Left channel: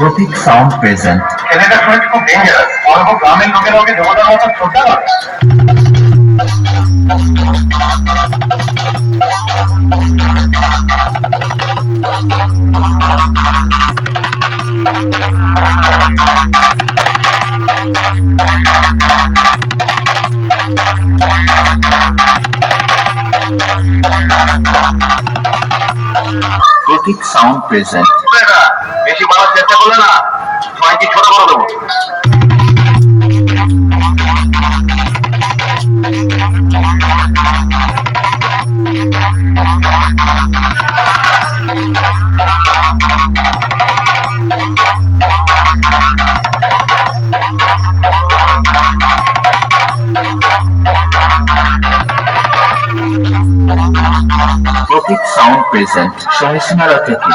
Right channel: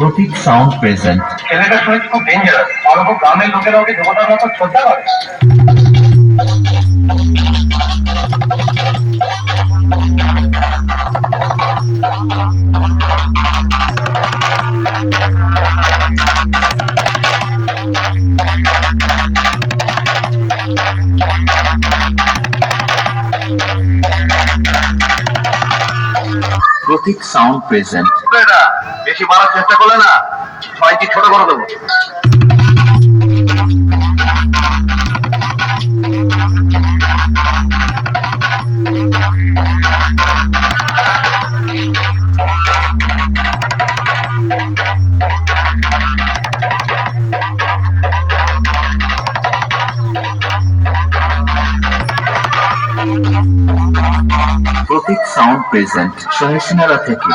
প্রতীক sound present. ছেলেটা শুনেছি খুব ডেঞ্জারাস, অল্প গ্রামের লোকের লোকে দেবতার মতো শ্রদ্ধা করে। প্রতীক সাউন্ড প্রেজেন্ট। বেশি বাড়ার চেষ্টা করলে না সবাইকে ছোট করে দেবো। প্রতীক সাউন্ড প্রেজেন্ট, সহিষ্ণুরা থেকে।